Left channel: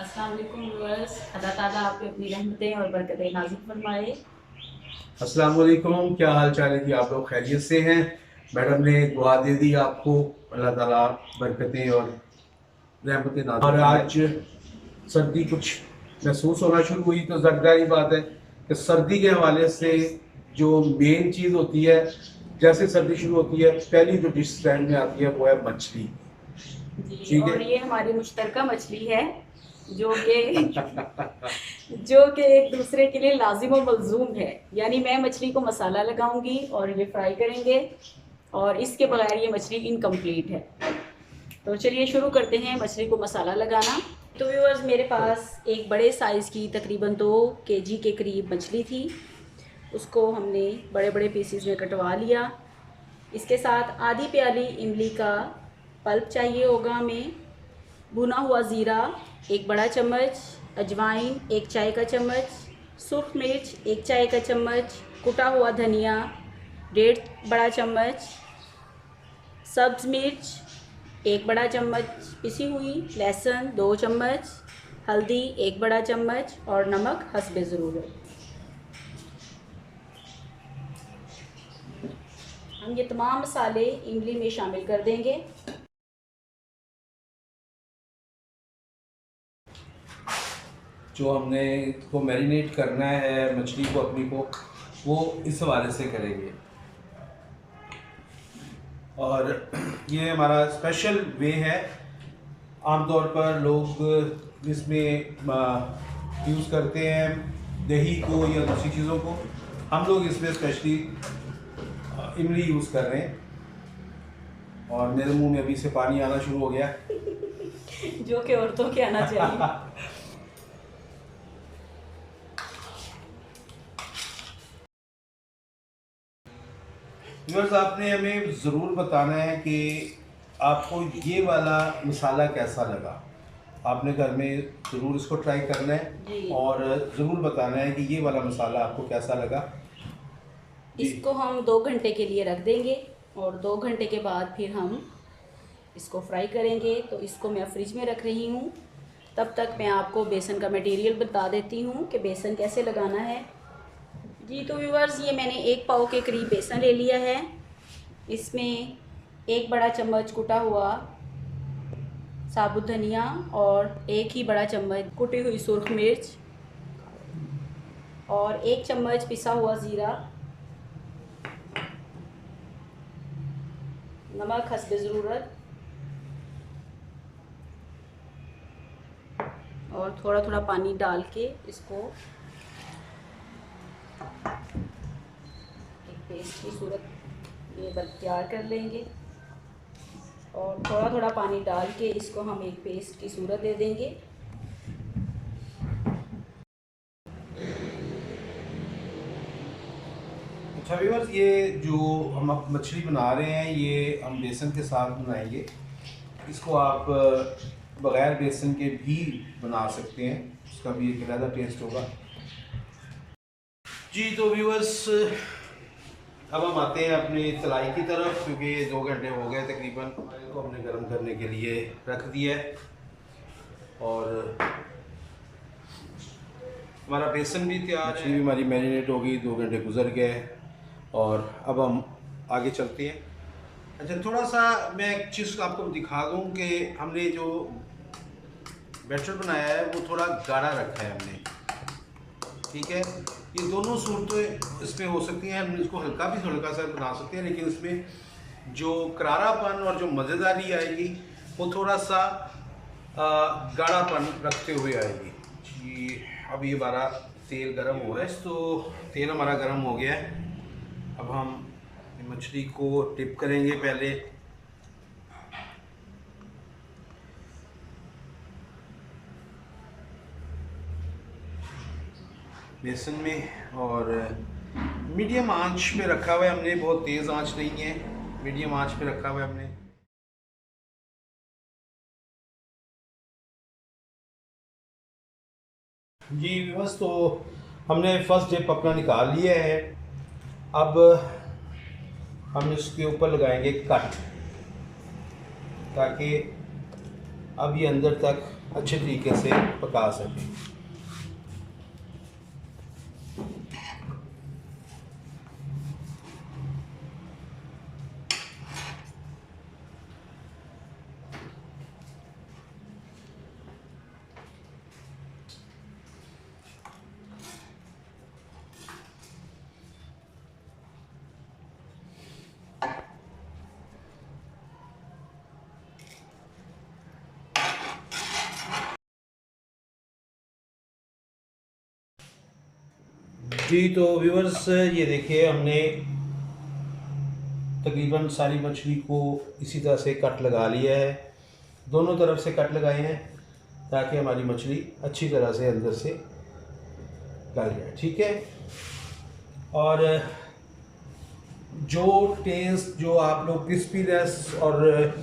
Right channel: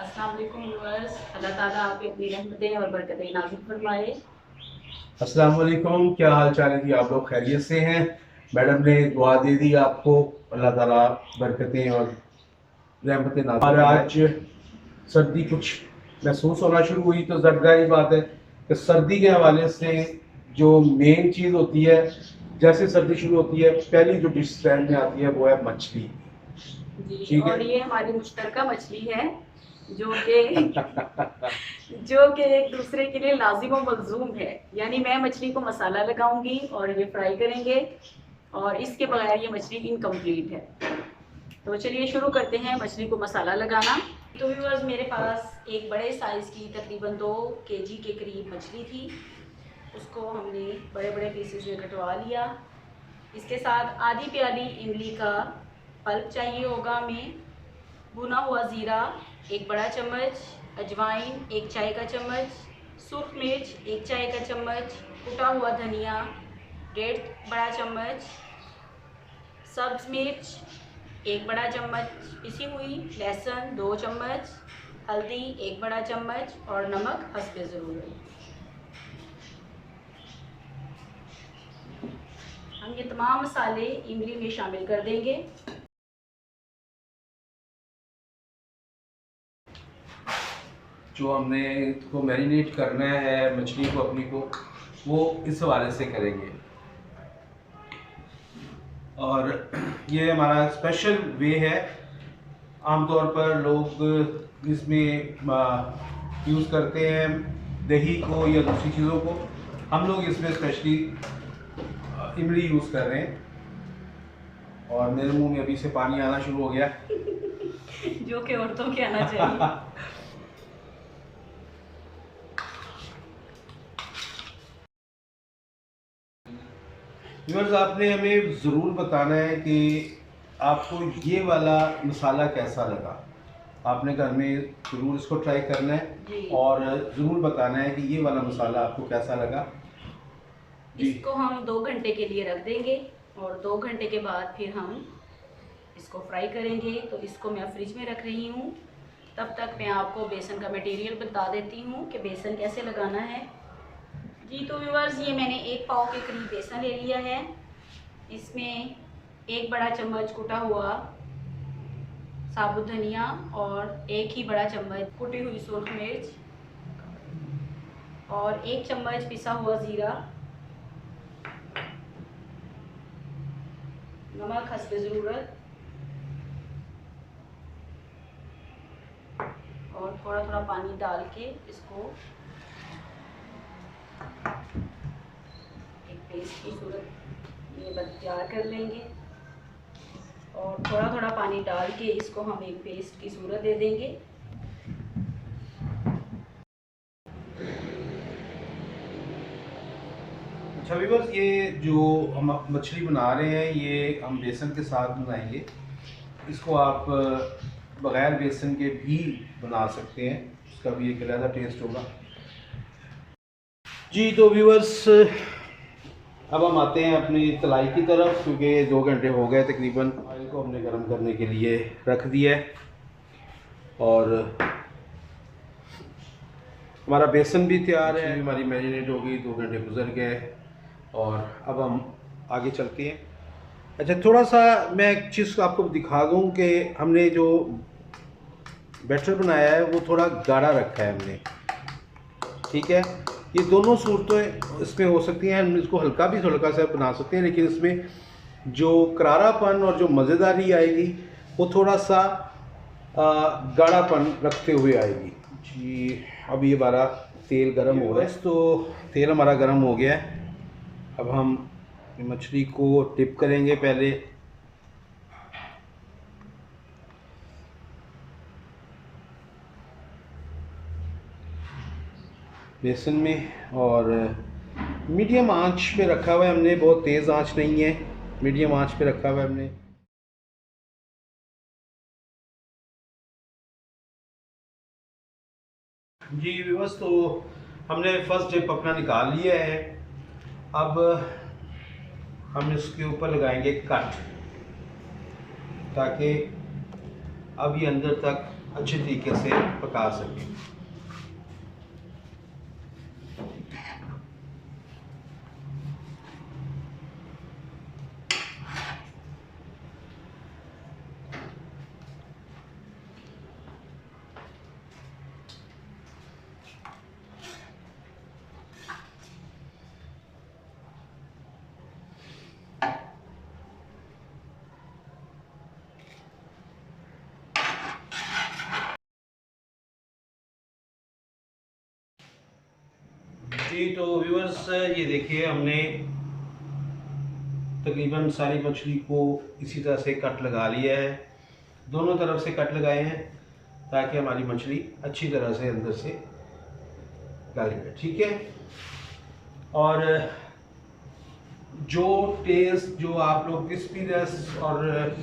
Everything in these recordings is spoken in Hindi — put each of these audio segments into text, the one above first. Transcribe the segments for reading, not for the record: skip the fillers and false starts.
अस्सलाम वालेकुम व्यूअर्स, अल्लाह ताला आपकी अपनी रहमतें और बरकतें नाज़िल फरमाए। अस्सलाम वालेकुम, क्या हाल चाल है कि आप लोग खैरियत से हैं। मैडम ने दुआ दे दी आपको, अल्लाह ताला बरकतें और रहमतें नाज़िल और आज सर्दी कुछ महसूस होना शुरू हुई तो ज़ाहिर बात है कि सर्दी के हवाले से जो मेन चीज़ होती है, जैसे सर्दी शुरू होती है पहली जो डिश स्टैंड में आती है वो है मछली। जी, ठीक और है। ये हमारी मुश्तरका मछली है जो कि जो कि एक दूसरे के लिए लाजिम और मलजूम है। यानी मैं मछली को मसाला लगाऊंगी और ये फ्राई करेंगे, और इसके बगैर ये मछली इनकम्प्लीट है। तो चलिए शुरू करते हैं मछली को मसाला लगाना। तो व्यूअर्स, मेरे पास एक बड़े साइज़ की तकरीबन 2 केजी के करीब मछली थी। उसको हमने बड़े बड़े पीसीज में कटवा लिया। इसके साथ आधी प्याली इमली का पल्प चाहिए होगा हमें, भुना हुआ ज़ीरा 1 बड़ा चम्मच, अजवाइन 1 चाय का चम्मच, सूख मिर्च 1 चाय का चम्मच, कुटा हुआ धनिया 1.5 बड़ा चम्मच, सब्ज़ मिर्च 1 बड़ा चम्मच पिसी हुई, लहसुन 2 चम्मच, हल्दी 1 बड़ा चम्मच और नमक हस्बे ज़रूरत। हम ये तमाम मसाले इमली में शामिल कर देंगे। जो हमने इसको मैरिनेट करना है मछली को अपनी को, वो इस हवाले से करेंगे। और ये हमारा स्पेशल वे है। आमतौर पर लोग इसमें यूज़ करते हैं दही को या दूसरी चीज़ों को। हम लोग इसमें स्पेशली इमली यूज़ कर रहे हैं। और मेरे मुंह में अभी से पानी आना शुरू हो गया। जो कि औरतों के आना चाहिए। व्यूअर्स, आपने हमें ज़रूर बताना है कि आपको ये वाला मसाला कैसा लगा। आपने घर में ज़रूर इसको ट्राई करना है और ज़रूर बताना है कि ये वाला मसाला आपको कैसा लगा। इसको हम 2 घंटे के लिए रख देंगे और 2 घंटे के बाद फिर हम इसको फ्राई करेंगे। तो इसको मैं फ्रिज में रख रही हूँ। तब तक मैं आपको बेसन का मटेरियल बता देती हूँ कि बेसन कैसे लगाना है। जी, तो व्यूअर्स, ये मैंने 1 पाव के करीब बेसन ले लिया है। इसमें 1 बड़ा चम्मच कुटा हुआ साबुत धनिया और 1 ही बड़ा चम्मच कुटी हुई सूख मिर्च और 1 चम्मच पिसा हुआ ज़ीरा, नमक हस्बे ज़रूरत और थोड़ा थोड़ा पानी डाल के इसको एक पेस्ट की सूरत ये तैयार कर लेंगे। और थोड़ा थोड़ा पानी डाल के इसको हम एक पेस्ट की सूरत दे देंगे। अच्छा व्यूअर्स, ये जो हम मछली बना रहे हैं ये हम बेसन के साथ बनाएंगे। इसको आप बग़ैर बेसन के भी बना सकते हैं, उसका भी एक अलग टेस्ट होगा। जी, तो व्यूअर्स, अब हम आते हैं अपनी तलाई की तरफ, क्योंकि ये 2 घंटे हो गए तकरीबन। ऑयल को हमने गर्म करने के लिए रख दिया है और हमारा बेसन भी तैयार है। भी हमारी मैरिनेट हो गई, 2 घंटे गुजर गए और अब हम आगे चलते हैं। अच्छा, थोड़ा सा मैं एक चीज़ आपको दिखा दूं कि हमने जो बैटर बनाया है वो थोड़ा गाढ़ा रखा है हमने। ठीक है, ये दोनों सूरतें इसमें हो सकती हैं। हम इसको हल्का भी हल्का सा बना सकते हैं, लेकिन इसमें जो करारापन और जो मज़ेदारी आएगी वो थोड़ा सा गाढ़ापन रखते हुए आएगी। जी, अब ये हमारा तेल गरम हो रहा है, तो तेल हमारा गरम हो गया है। अब हम मछली को डिप करेंगे पहले। बेसन में और मीडियम आंच पे रखा हुआ है हमने, बहुत तेज़ आंच नहीं है, मीडियम आंच पे रखा हुआ है हमने। जी व्यूअर्स, तो हमने फर्स्ट डिप अपना निकाल लिया है। अब हम इसके ऊपर लगाएंगे कट, ताकि अब ये अंदर तक अच्छे तरीके से पका सकें। जी तो व्यूअर्स, ये देखिए हमने तकरीबन सारी मछली को इसी तरह से कट लगा लिया है। दोनों तरफ से कट लगाए हैं ताकि हमारी मछली अच्छी तरह से अंदर से गल जाए, ठीक है। और जो टेस्ट जो आप लोग क्रिस्पीनेस और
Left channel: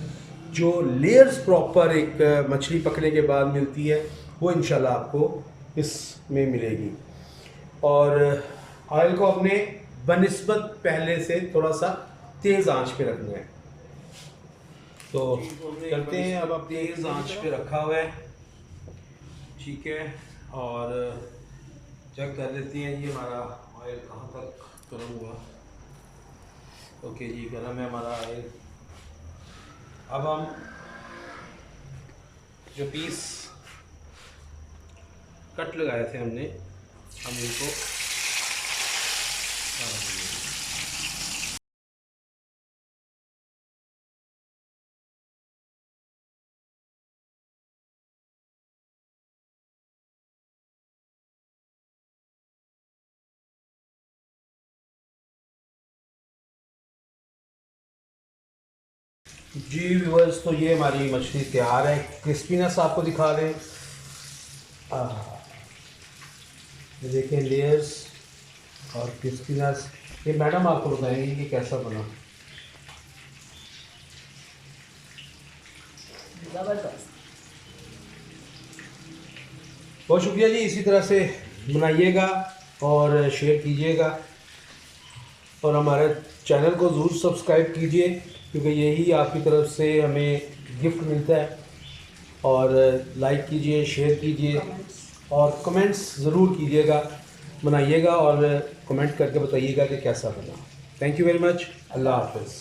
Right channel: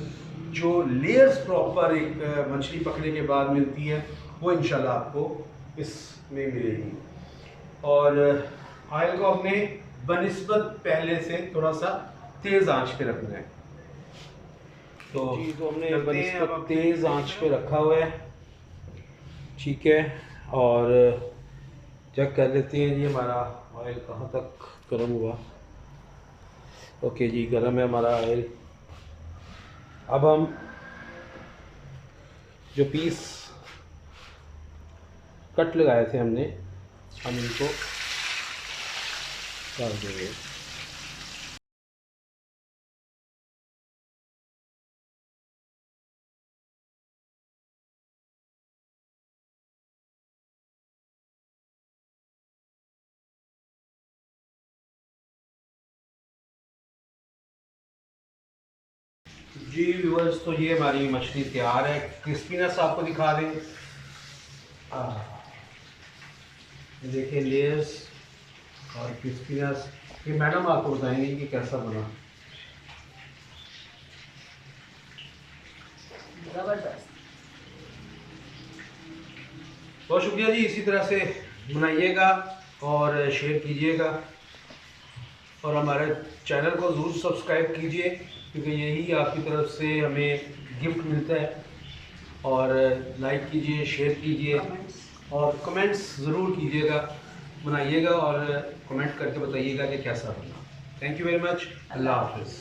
जो लेयर्स प्रॉपर एक मछली पकने के बाद मिलती है वो इंशाल्लाह आपको इसमें मिलेगी। और ऑयल को अपने बनिस्बत पहले से थोड़ा सा तेज़ आंच पे रखना है। तो करते हैं, अब तेज़ आंच पे रखा हुआ है, ठीक है। और चेक कर लेते हैं ये हमारा ऑयल कहाँ तक गर्म हुआ। ओके जी, गर्म है हमारा ऑयल। अब हम जो पीस कट लगाए थे हमने, हम इनको डाल देंगे। जी व्यूअर्स, तो ये हमारी मछली तैयार है। क्रिस्पीनेस आपको दिखा दें, ये देखिए लेयर्स और क्रिस्पीनेस। ये मैडम आपको बताएंगे कि कैसा बना। ज़बरदस्त। बहुत शुक्रिया जी, इसी तरह से बनाइएगा और शेयर कीजिएगा और हमारे चैनल को ज़रूर सब्सक्राइब कीजिए, क्योंकि यही आपकी तरफ से हमें गिफ्ट मिलता है। और लाइक कीजिए, शेयर कीजिए और कमेंट्स ज़रूर कीजिएगा, बनाइएगा और कमेंट करके बताइएगा कि कैसा बना। Thank you very much. अल्लाह हाफ़िज़।